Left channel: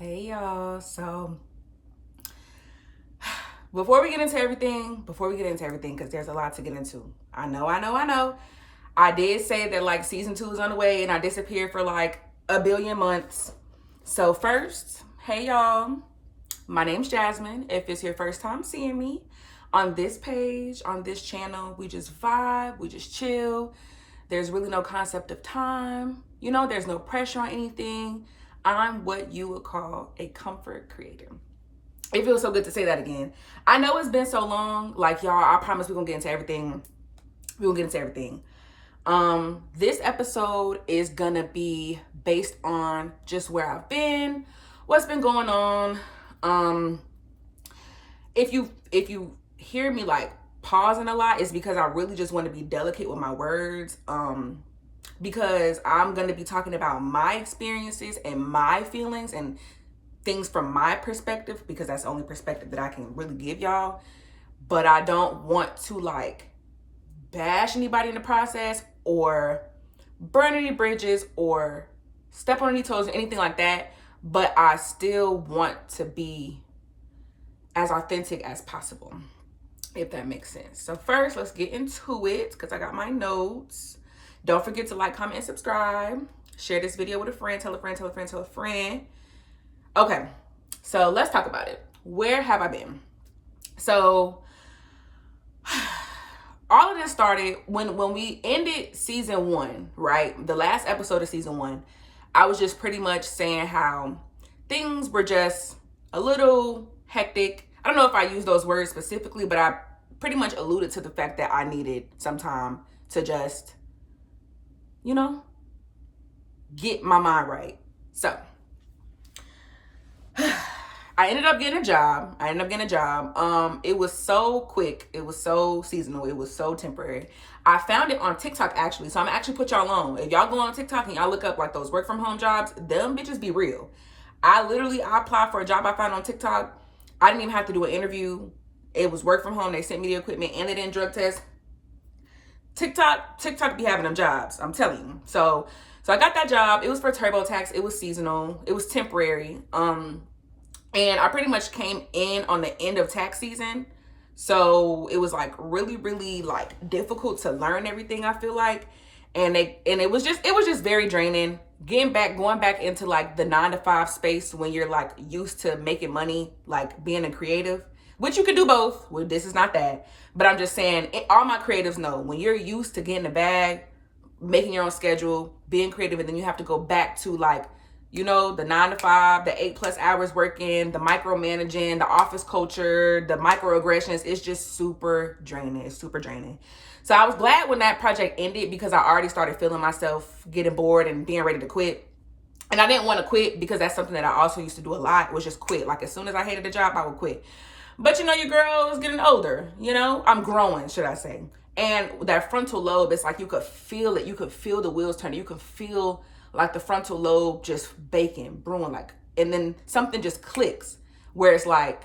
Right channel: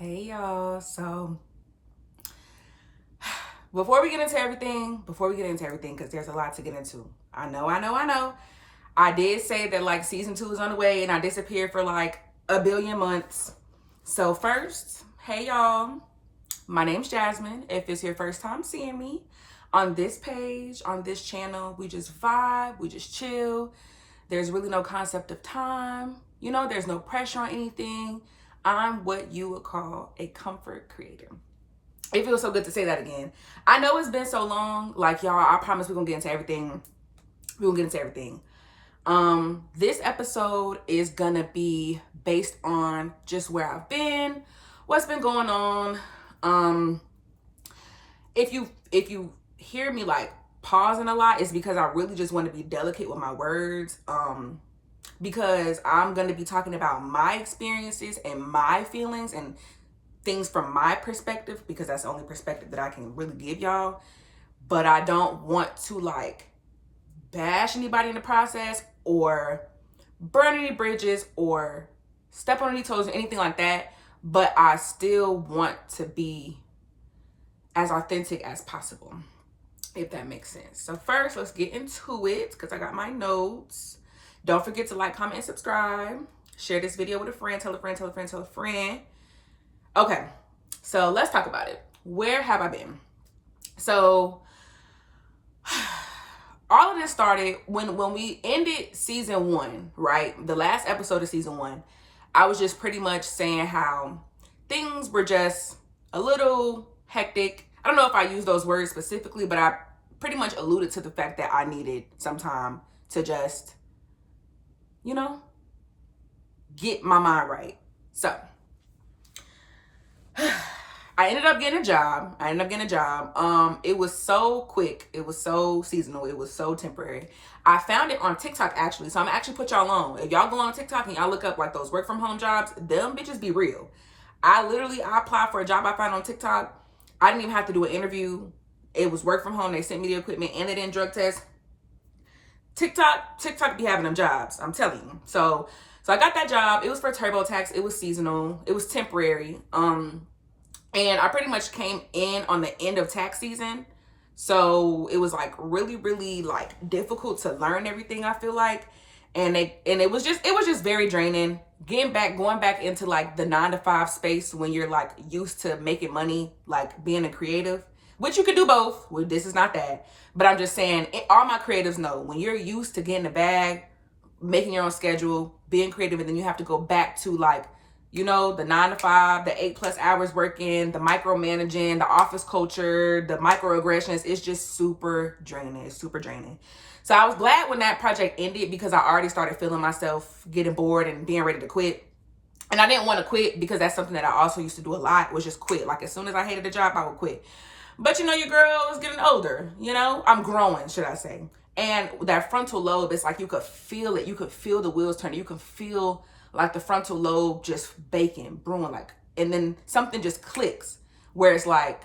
Hey y'all. So before we get into everything, because there's a lot to get into. I know. I did say that like season 2 is on the way and I disappeared for like a billion months. So first, hey y'all. My name's Jasmine. If it's your first time seeing me on this page, on this channel, we just vibe, we just chill. There's really no concept of time. There's no pressure on anything. I'm what you would call a comfort creator. It feels so good to say that again. I know it's been so long. Like, y'all, I promise we're gonna get into everything. This episode is gonna be based on just where I've been, what's been going on. If you hear me like pausing a lot, it's because I really just want to be delicate with my words. Because I'm going to be talking about my experiences and my feelings and things from my perspective, because that's the only perspective that I can really give y'all. But I don't want to like bash anybody in the process or burn any bridges or step on any toes or anything like that. But I still want to be as authentic as possible, if that makes sense. So first, let's get into it because I got my notes. Don't forget to like, comment, and subscribe. Share this video with a friend. Tell a friend, tell a friend, tell a friend. Okay, so let's talk about it. Where have I been? So all of this started when we ended season 1, right? The last episode of season 1, I was just pretty much saying how things were just a little hectic. I don't know if I used those words specifically, but I pretty much alluded to the fact that I needed some time to just get my mind right. So I ended up getting a job. It was so quick. It was so seasonal. It was so temporary. I found it on TikTok actually. So I'm gonna actually put y'all on. If y'all go on TikTok and y'all look up like those work from home jobs, them bitches be real. I applied for a job I found on TikTok. I didn't even have to do an interview. It was work from home. They sent me the equipment and they didn't drug test. TikTok be having them jobs, I'm telling you. So I got that job. It was for TurboTax. It was seasonal. It was temporary. And I pretty much came in on the end of tax season. So it was like really, really like difficult to learn everything, I feel like. And it was just very draining. Going back into like the 9-to-5 space when you're like used to making money, like being a creative, which you can do both. Well, this is not that. But I'm just saying, all my creatives know when you're used to getting a bag, making your own schedule, being creative, and then you have to go back to like, the 9-to-5, the 8+ hours working, the micromanaging, the office culture, the microaggressions. It's just super draining. It's super draining. So I was glad when that project ended because I already started feeling myself getting bored and being ready to quit. And I didn't want to quit because that's something that I also used to do a lot, was just quit. Like as soon as I hated a job, I would quit. But your girl is getting older, I'm growing, should I say. And that frontal lobe, it's like you could feel it. You could feel the wheels turning. You could feel like the frontal lobe just baking, brewing, like, and then something just clicks where it's like,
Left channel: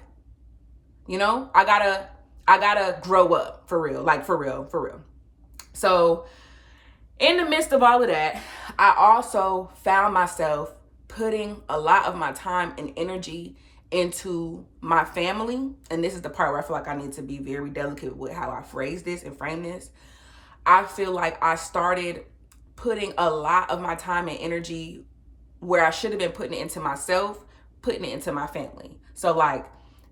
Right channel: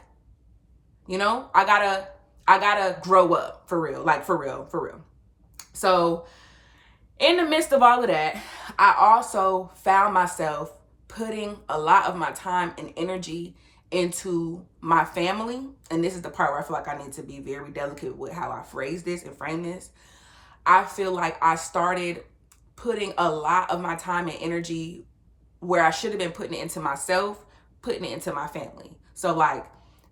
I gotta grow up for real, like for real. So in the midst of all of that, I also found myself putting a lot of my time and energy into my family. And this is the part where I feel like I need to be very delicate with how I phrase this and frame this. I feel like I started putting a lot of my time and energy where I should have been putting it into myself, putting it into my family. So like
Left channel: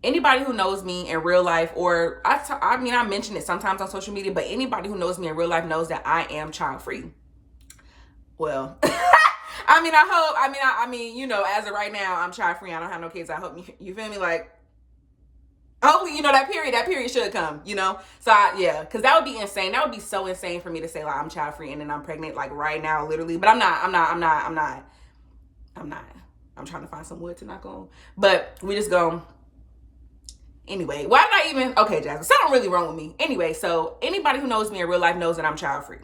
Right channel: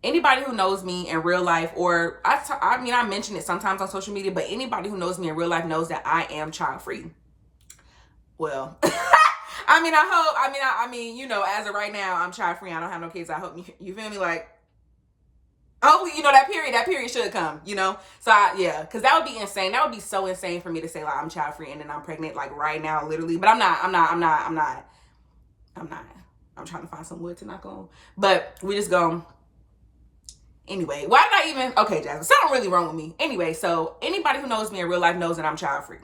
anybody who knows me in real life, or I mention it sometimes on social media, but anybody who knows me in real life knows that I am child free. Well, I mean, as of right now, I'm child free. I don't have no kids. I hope you feel me? Like, hopefully, that period should come, So because that would be insane. That would be so insane for me to say like I'm child free and then I'm pregnant like right now, literally. But I'm not. I'm trying to find some wood to knock on. But we just go. Anyway, why did I even? Okay, Jasmine, something really wrong with me. Anyway, so anybody who knows me in real life knows that I'm child free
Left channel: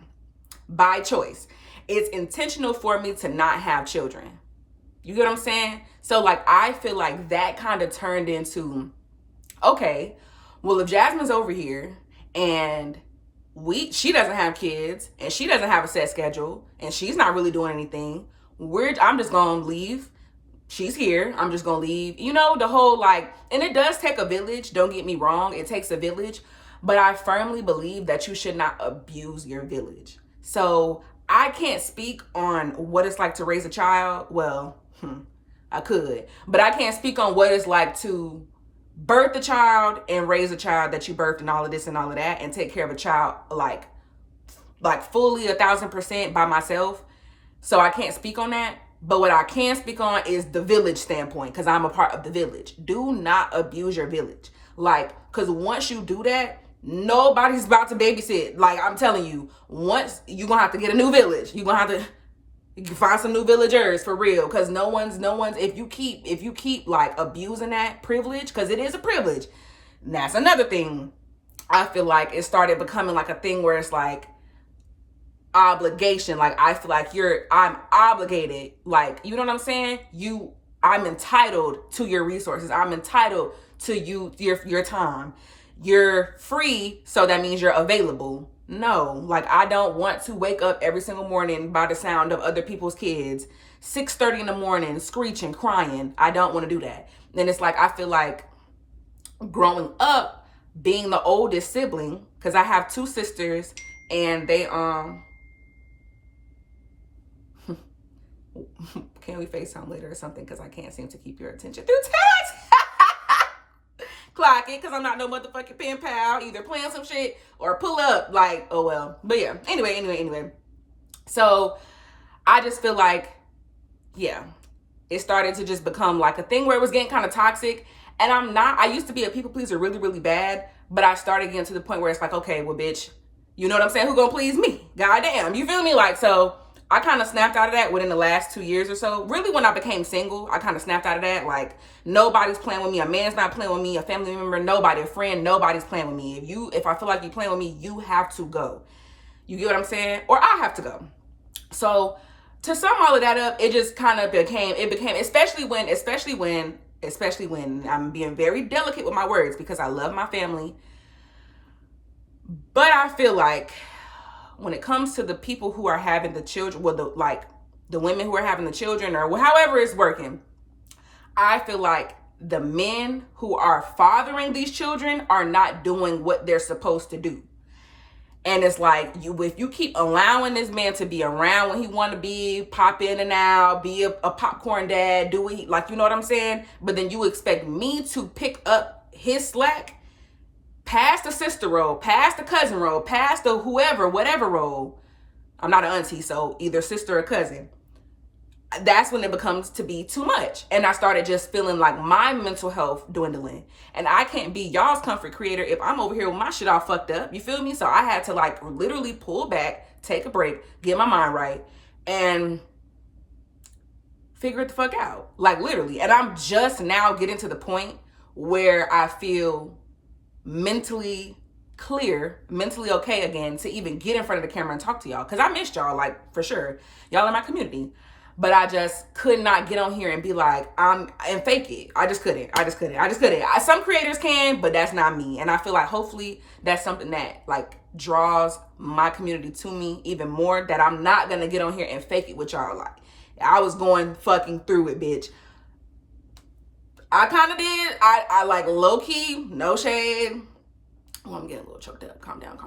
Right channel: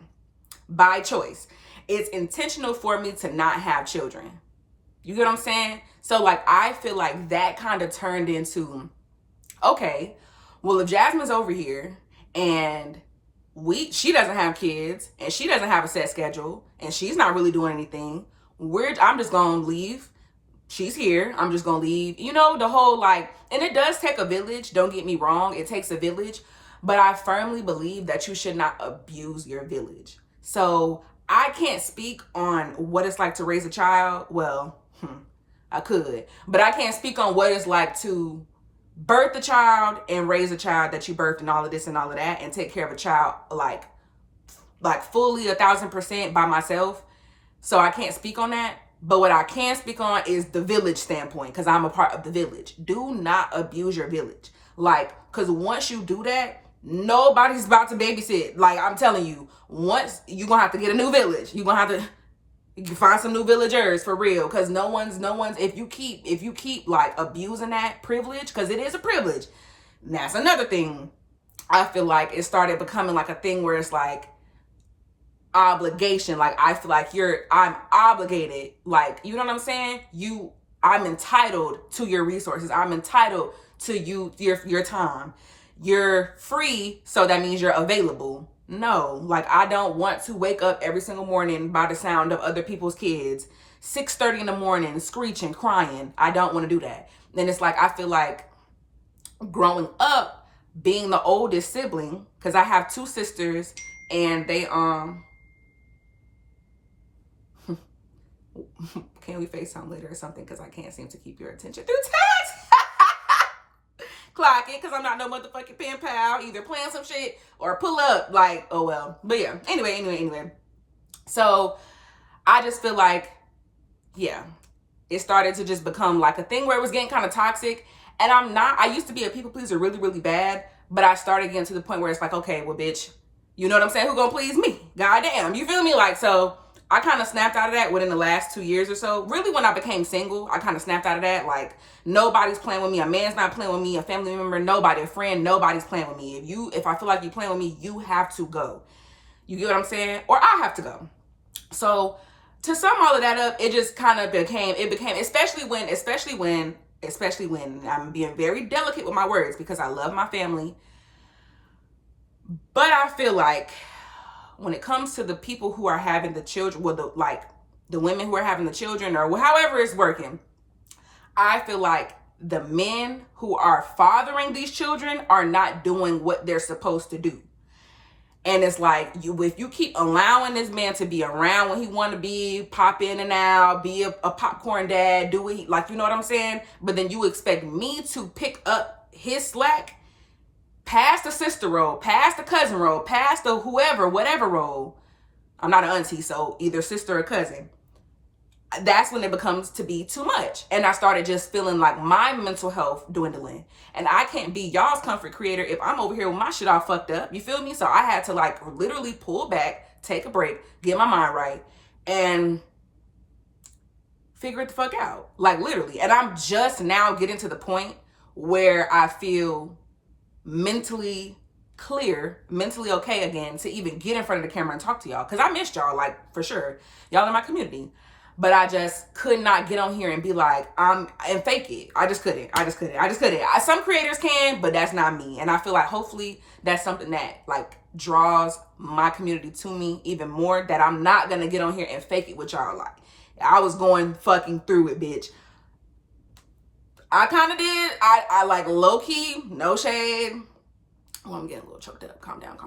by choice. It's intentional for me to not have children. You get what I'm saying? So like, I feel like that kind of turned into, okay, well, if Jasmine's over here and she doesn't have kids and she doesn't have a set schedule and she's not really doing anything, I'm just gonna leave she's here. I'm just gonna leave. You know, the whole like, and it does take a village. Don't get me wrong. It takes a village. But I firmly believe that you should not abuse your village. So I can't speak on what it's like to raise a child. Well, I could. But I can't speak on what it's like to birth a child and raise a child that you birthed and all of this and all of that and take care of a child like fully 1,000% by myself. So I can't speak on that. But what I can speak on is the village standpoint, because I'm a part of the village. Do not abuse your village. Like, because once you do that, nobody's about to babysit. Like, I'm telling you, once you're going to have to get a new village. You're going to have to find some new villagers for real. Because no one's, if you keep like abusing that privilege, because it is a privilege. And that's another thing. I feel like it started becoming like a thing where it's like, obligation. Like, I feel like I'm obligated. Like, you know what I'm saying? I'm entitled to your resources. I'm entitled to your time. You're free, so that means you're available. No, like, I don't want to wake up every single morning by the sound of other people's kids, 6:30 in the morning, screeching, crying. I don't want to do that. And it's like, I feel like growing up, being the oldest sibling, because I have 2 sisters, and they can we FaceTime later or something? Because I can't seem to keep your attention through text. Clock it, because I'm not no motherfucking pen pal. Either playing some shit or pull up. Like, oh well. But yeah, anyway. So I just feel like, yeah, it started to just become like a thing where it was getting kind of toxic. And I used to be a people pleaser really, really bad. But I started getting to the point where it's like, okay, well, bitch, you know what I'm saying? Who gonna please me? Goddamn. You feel me? Like, so I kind of snapped out of that within the last 2 years or so. Really, when I became single, I kind of snapped out of that. Like, nobody's playing with me. A man's not playing with me. A family member, nobody. A friend, nobody's playing with me. If I feel like you're playing with me, you have to go. You get what I'm saying? Or I have to go. So to sum all of that up, it just kind of became, especially when I'm being very delicate with my words, because I love my family. But I feel like when it comes to the people who are having the children, well, the women who are having the children, or however it's working, I feel like the men who are fathering these children are not doing what they're supposed to do. And it's like, if you keep allowing this man to be around when he want to be, pop in and out, be a popcorn dad, do it, like, you know what I'm saying? But then you expect me to pick up his slack, past the sister role, past the cousin role, past the whoever, whatever role. I'm not an auntie, so either sister or cousin. That's when it becomes to be too much. And I started just feeling like my mental health dwindling. And I can't be y'all's comfort creator if I'm over here with my shit all fucked up. You feel me? So I had to like literally pull back, take a break, get my mind right, and figure it the fuck out. Like, literally. And I'm just now getting to the point where I feel mentally clear, mentally okay again to even get in front of the camera and talk to y'all. Because I missed y'all, like, for sure. Y'all in my community. But I just could not get on here and be like, and fake it. I just couldn't. Some creators can, but that's not me. And I feel like hopefully that's something that like draws my community to me even more, that I'm not going to get on here and fake it with y'all. Like, I was going fucking through it, bitch. I kind of did. I like low key, no shade. Oh, I'm getting a little choked up. Calm down.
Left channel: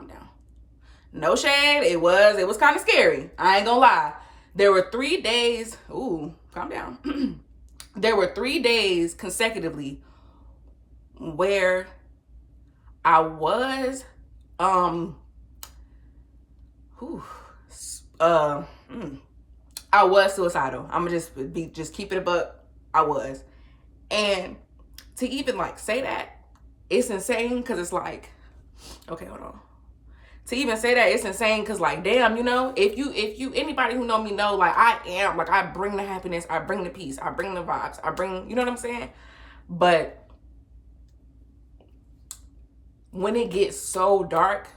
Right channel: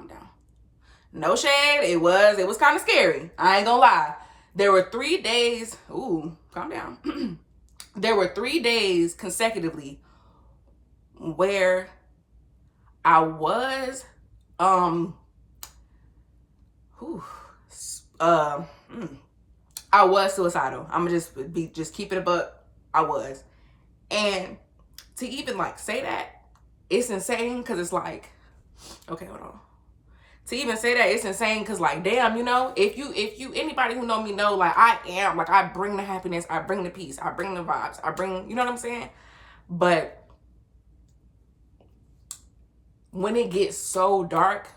No shade. It was kind of scary. I ain't gonna lie. There were 3 days. Ooh, calm down. There were 3 days consecutively where I was, I was suicidal. I'm gonna just keep it a buck. I was. And to even like say that, it's insane, because it's like, okay, hold on. To even say that, it's insane, because like, damn, you know, if you anybody who know me know, like, I bring the happiness, I bring the peace, I bring the vibes, I bring, you know what I'm saying? But when it gets so dark,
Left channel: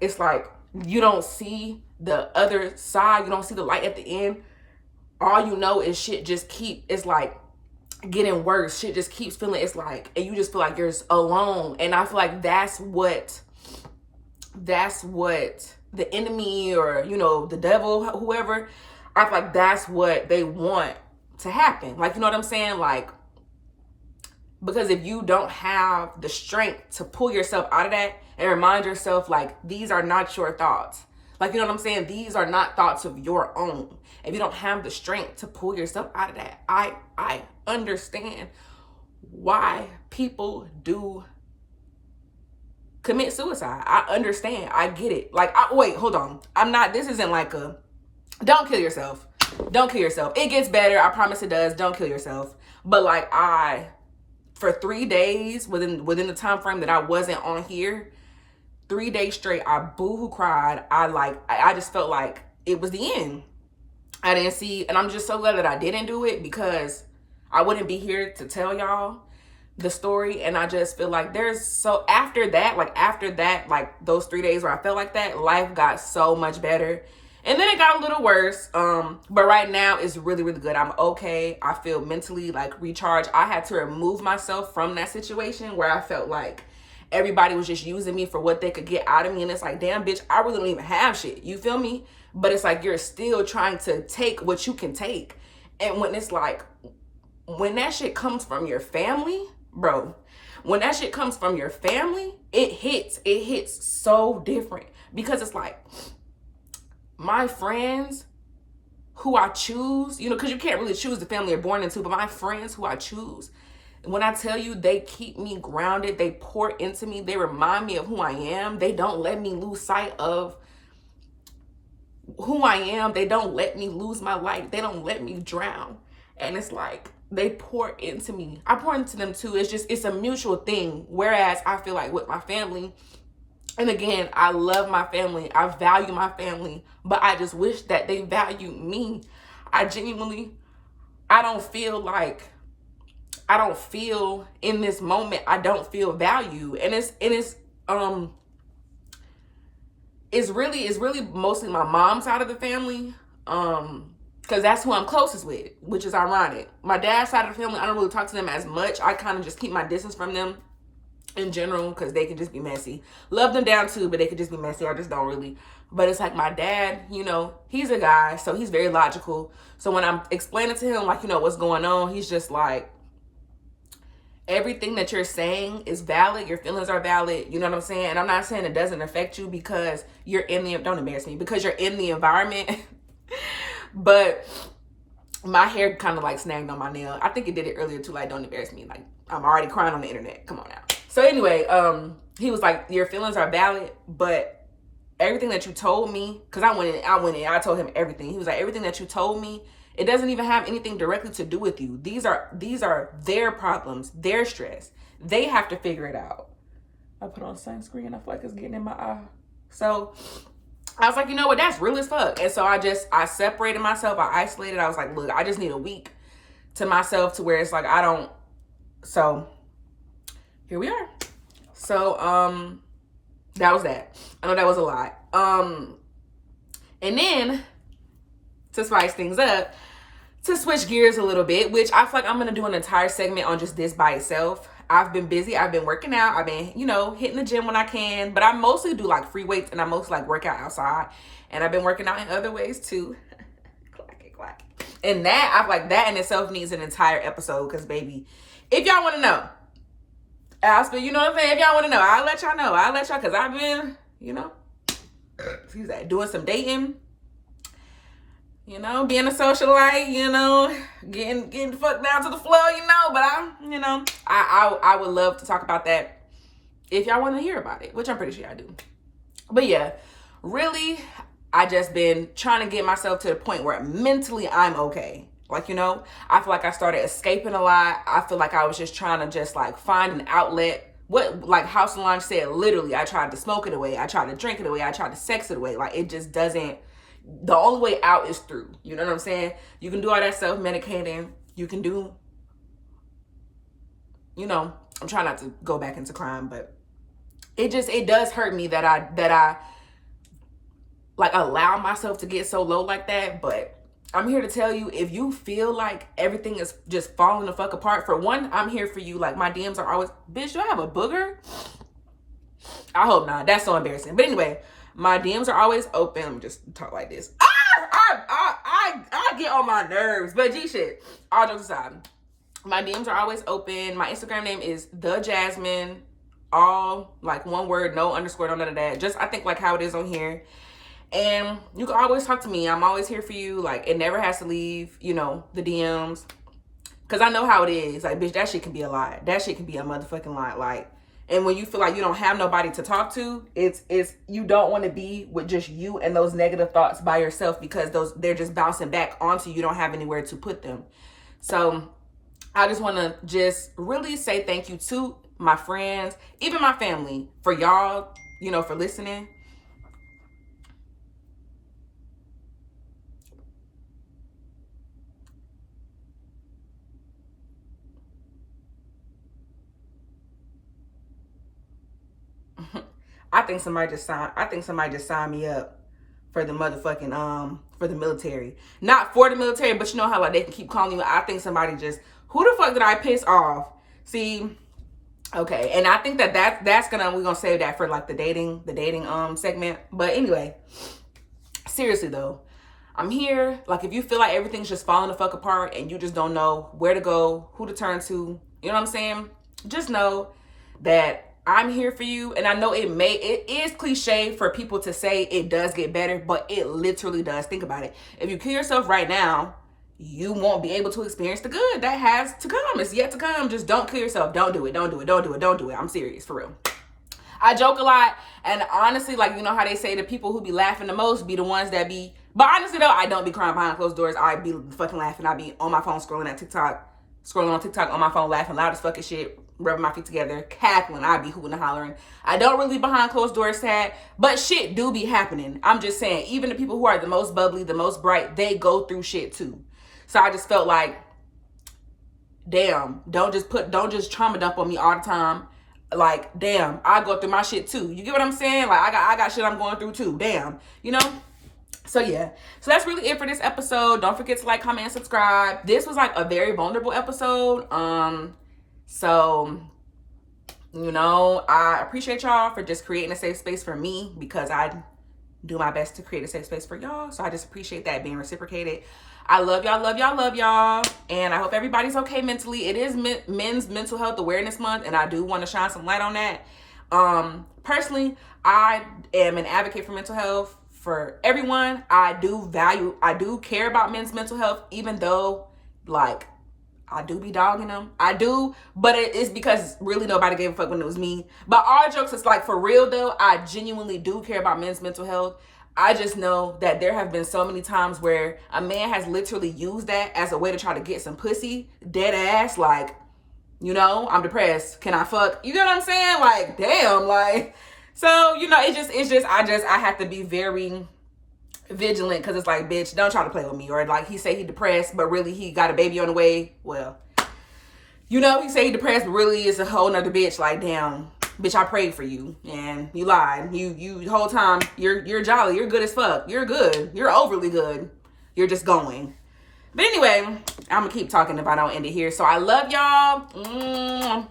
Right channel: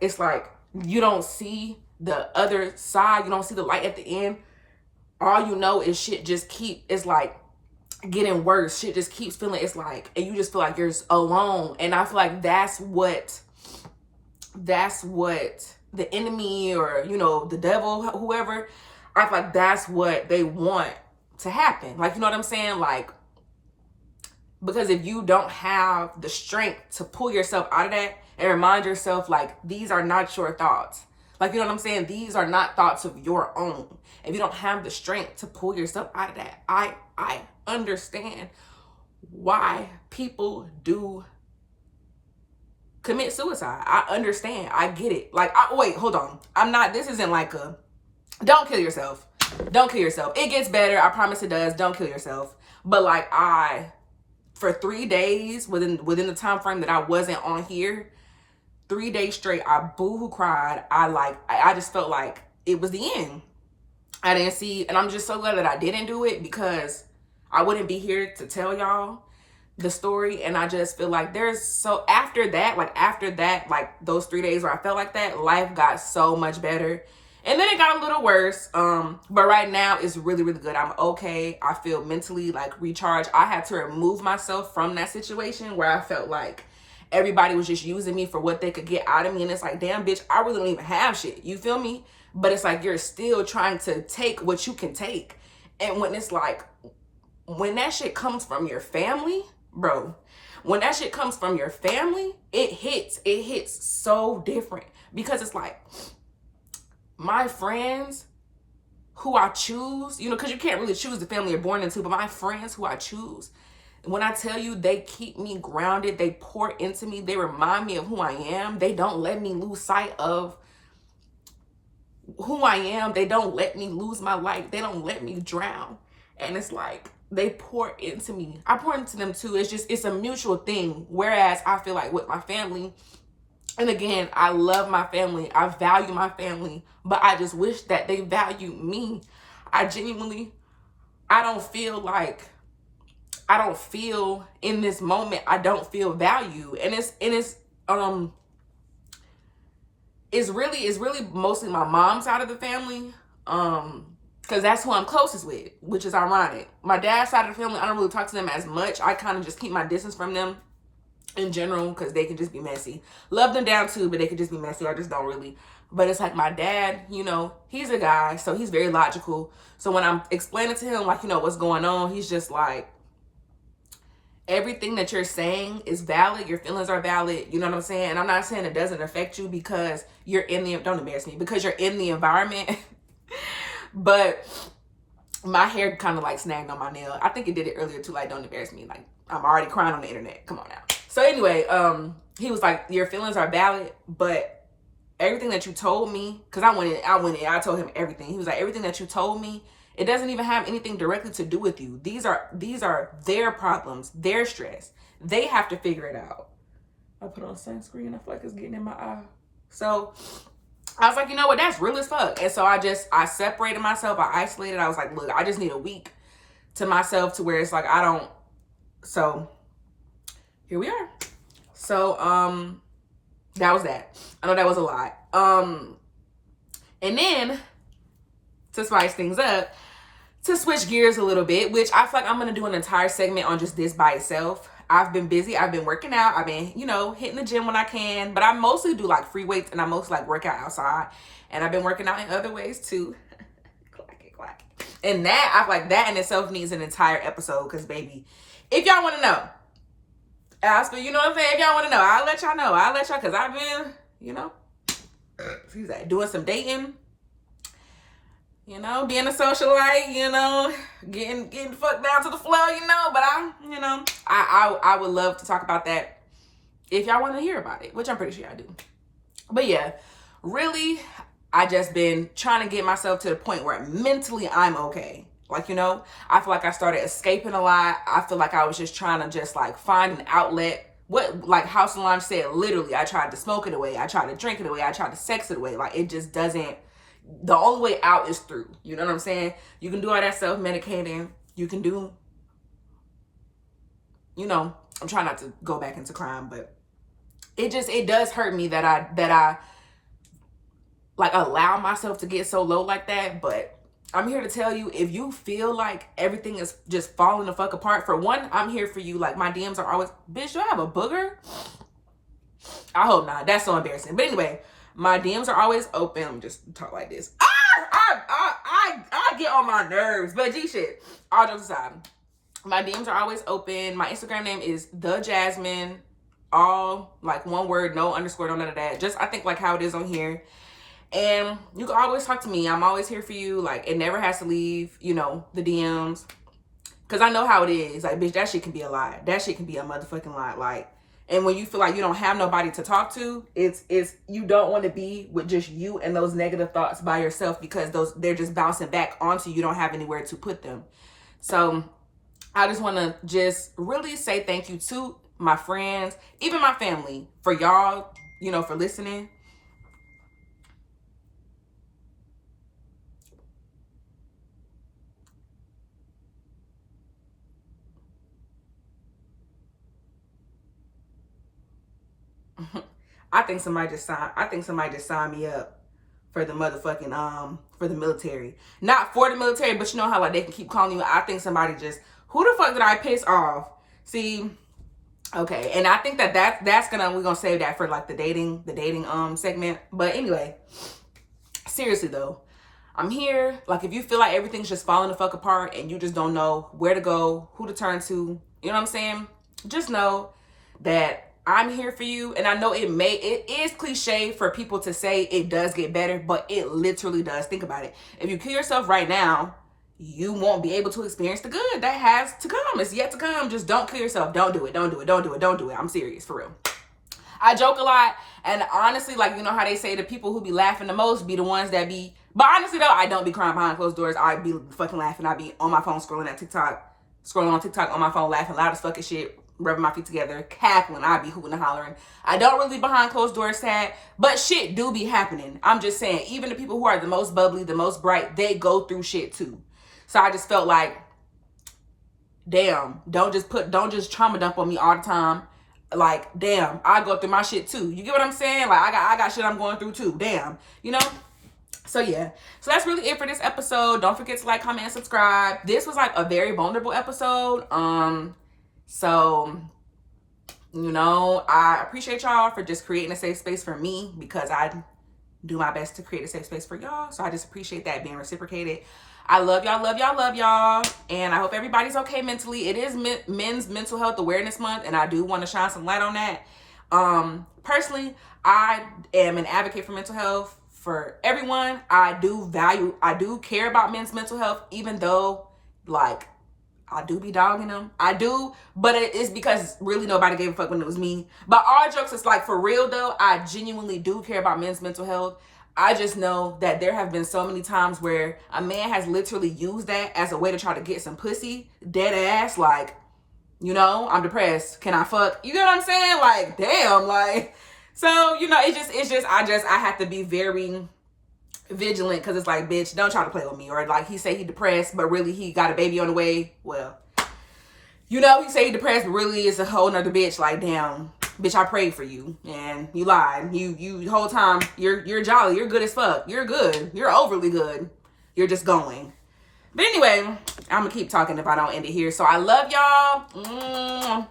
it's like you don't see the other side, you don't see the light at the end. All you know is shit just it's like getting worse. Shit just keeps feeling, it's like, and you just feel like you're alone. And I feel like that's what the enemy, or, you know, the devil, whoever, I feel like that's what they want to happen. Like, you know what I'm saying? Like, because if you don't have the strength to pull yourself out of that and remind yourself, like, these are not your thoughts. Like, you know what I'm saying? These are not thoughts of your own. If you don't have the strength to pull yourself out of that, I understand why people do commit suicide. I understand. I get it. Like, wait, hold on. This isn't like a, don't kill yourself. Don't kill yourself. It gets better. I promise it does. Don't kill yourself. But like, for 3 days within the time frame that I wasn't on here, 3 days straight, I boohoo cried. I just felt like it was the end. I didn't see, and I'm just so glad that I didn't do it, because I wouldn't be here to tell y'all the story. And I just feel like after that, like those 3 days where I felt like that, life got so much better. And then it got a little worse. But right now it's really, really good. I'm okay. I feel mentally like recharged. I had to remove myself from that situation where I felt like everybody was just using me for what they could get out of me. And it's like, damn, bitch, I really don't even have shit. You feel me? But it's like, you're still trying to take what you can take. And when it's like, when that shit comes from your family, bro, when that shit comes from your family, it hits so different. Because it's like, my friends who I choose, you know, because you can't really choose the family you're born into, but my friends who I choose, when I tell you, they keep me grounded, they pour into me, they remind me of who I am, they don't let me lose sight of who I am, they don't let me lose my light, they don't let me drown. And it's like, they pour into me, I pour into them too. It's a mutual thing. Whereas I feel like with my family, and again, I love my family, I value my family, but I just wish that they value me. I don't feel in this moment, I don't feel value. And it's really mostly my mom's side of the family, because that's who I'm closest with, which is ironic. My dad's side of the family, I don't really talk to them as much. I kind of just keep my distance from them in general, because they can just be messy. Love them down too, but they can just be messy. I just don't really. But it's like, my dad, you know, he's a guy, so he's very logical. So when I'm explaining to him, like, you know, what's going on, he's just like, everything that you're saying is valid. Your feelings are valid. You know what I'm saying? And I'm not saying it doesn't affect you because you're don't embarrass me, because you're in the environment. But my hair kind of like snagged on my nail. I think it did it earlier too. Like, don't embarrass me. Like, I'm already crying on the internet. Come on now. So anyway, he was like, your feelings are valid, but everything that you told me, because I told him everything. He was like, everything that you told me, it doesn't even have anything directly to do with you. These are their problems, their stress. They have to figure it out. I put on sunscreen. I feel like it's getting in my eye. So I was like, you know what? That's real as fuck. And so I separated myself. I isolated. I was like, look, I just need a week to myself to where it's like, so here we are. So, that was that. I know that was a lot. And then to spice things up, to switch gears a little bit, which I feel like I'm going to do an entire segment on just this by itself. I've been busy. I've been working out. I've been, you know, hitting the gym when I can, but I mostly do like free weights, and I mostly like work out outside, and I've been working out in other ways too. Clack. And that, I feel like that in itself needs an entire episode, because baby, if y'all want to know, you know what I'm saying? If y'all want to know, I'll let y'all know. Because I've been, you know, doing some dating, you know, being a socialite, you know, getting the fuck down to the flow, you know. But I would love to talk about that if y'all want to hear about it, which I'm pretty sure y'all do. But yeah, really, I just been trying to get myself to the point where mentally I'm okay. Like, you know, I feel like I started escaping a lot. I feel like I was just trying to just like find an outlet. Like House Solange said, literally, I tried to smoke it away. I tried to drink it away. I tried to sex it away. Like, it just doesn't, the only way out is through. You know what I'm saying? You can do all that self-medicating. You can do, you know, I'm trying not to go back into crime, but it does hurt me that I like allow myself to get so low like that. But I'm here to tell you, if you feel like everything is just falling the fuck apart, for one, I'm here for you. Like, my DMs are always, bitch, do I have a booger? I hope not. That's so embarrassing. But anyway, my DMs are always open. Let me just talk like this. I I get on my nerves. But G shit, all jokes aside, my DMs are always open. My Instagram name is The Jasmine. All like one word, no underscore, no none of that. Just I think like how it is on here. And you can always talk to me. I'm always here for you. Like it never has to leave, you know, the DMs. Cause I know how it is. Like, bitch, that shit can be a lie. That shit can be a motherfucking lie. Like, and when you feel like you don't have nobody to talk to, it's you don't want to be with just you and those negative thoughts by yourself, because they're just bouncing back onto you. You don't have anywhere to put them. So I just want to just really say thank you to my friends, even my family, for y'all, you know, for listening. I think somebody just signed me up for the motherfucking for the military. Not for the military, but you know how like they can keep calling you. I think somebody just, who the fuck did I piss off? See, okay, and I think that's we're gonna save that for like the dating segment. But anyway, seriously though, I'm here. Like if you feel like everything's just falling the fuck apart and you just don't know where to go, who to turn to, you know what I'm saying? Just know that I'm here for you. And I know it is cliche for people to say it does get better, but it literally does. Think about it. If you kill yourself right now, you won't be able to experience the good that has to come. It's yet to come. Just don't kill yourself. Don't do it. Don't do it. Don't do it. Don't do it. I'm serious, for real. I joke a lot, and honestly, like, you know how they say the people who be laughing the most be the ones that be, but honestly though, I don't be crying behind closed doors. I be fucking laughing. I be on my phone scrolling on TikTok on my phone, laughing loud as fucking shit, rubbing my feet together, cackling. I be hooting and hollering. I don't really be behind closed doors sad, but shit do be happening. I'm just saying, even the people who are the most bubbly, the most bright, they go through shit too. So I just felt like, damn, don't just trauma dump on me all the time. Like, damn, I go through my shit too. You get what I'm saying? Like, I got shit I'm going through too. Damn, you know? So yeah, so that's really it for this episode. Don't forget to like, comment, and subscribe. This was like a very vulnerable episode. So, you know, I appreciate y'all for just creating a safe space for me, because I do my best to create a safe space for y'all. So I just appreciate that being reciprocated. I love y'all, love y'all, love y'all. And I hope everybody's okay mentally. It is Men's Mental Health Awareness Month, and I do want to shine some light on that. Personally, I am an advocate for mental health for everyone. I do care about men's mental health, even though, like, I do be dogging them. I do, but it's because really nobody gave a fuck when it was me. But all jokes, it's like, for real though, I genuinely do care about men's mental health. I just know that there have been so many times where a man has literally used that as a way to try to get some pussy, dead ass, like, you know, I'm depressed, can I fuck? You know what I'm saying? Like, damn, like, so, you know, I have to be very vigilant, because it's like, bitch, don't try to play with me. Or like, he say he depressed, but really he got a baby on the way. Well, you know, he say he depressed, but really it's a whole nother bitch. Like, damn, bitch, I prayed for you and you lied. You the whole time you're jolly, you're good as fuck, you're good, you're overly good, you're just going. But anyway, I'm gonna keep talking if I don't end it here. So I love y'all.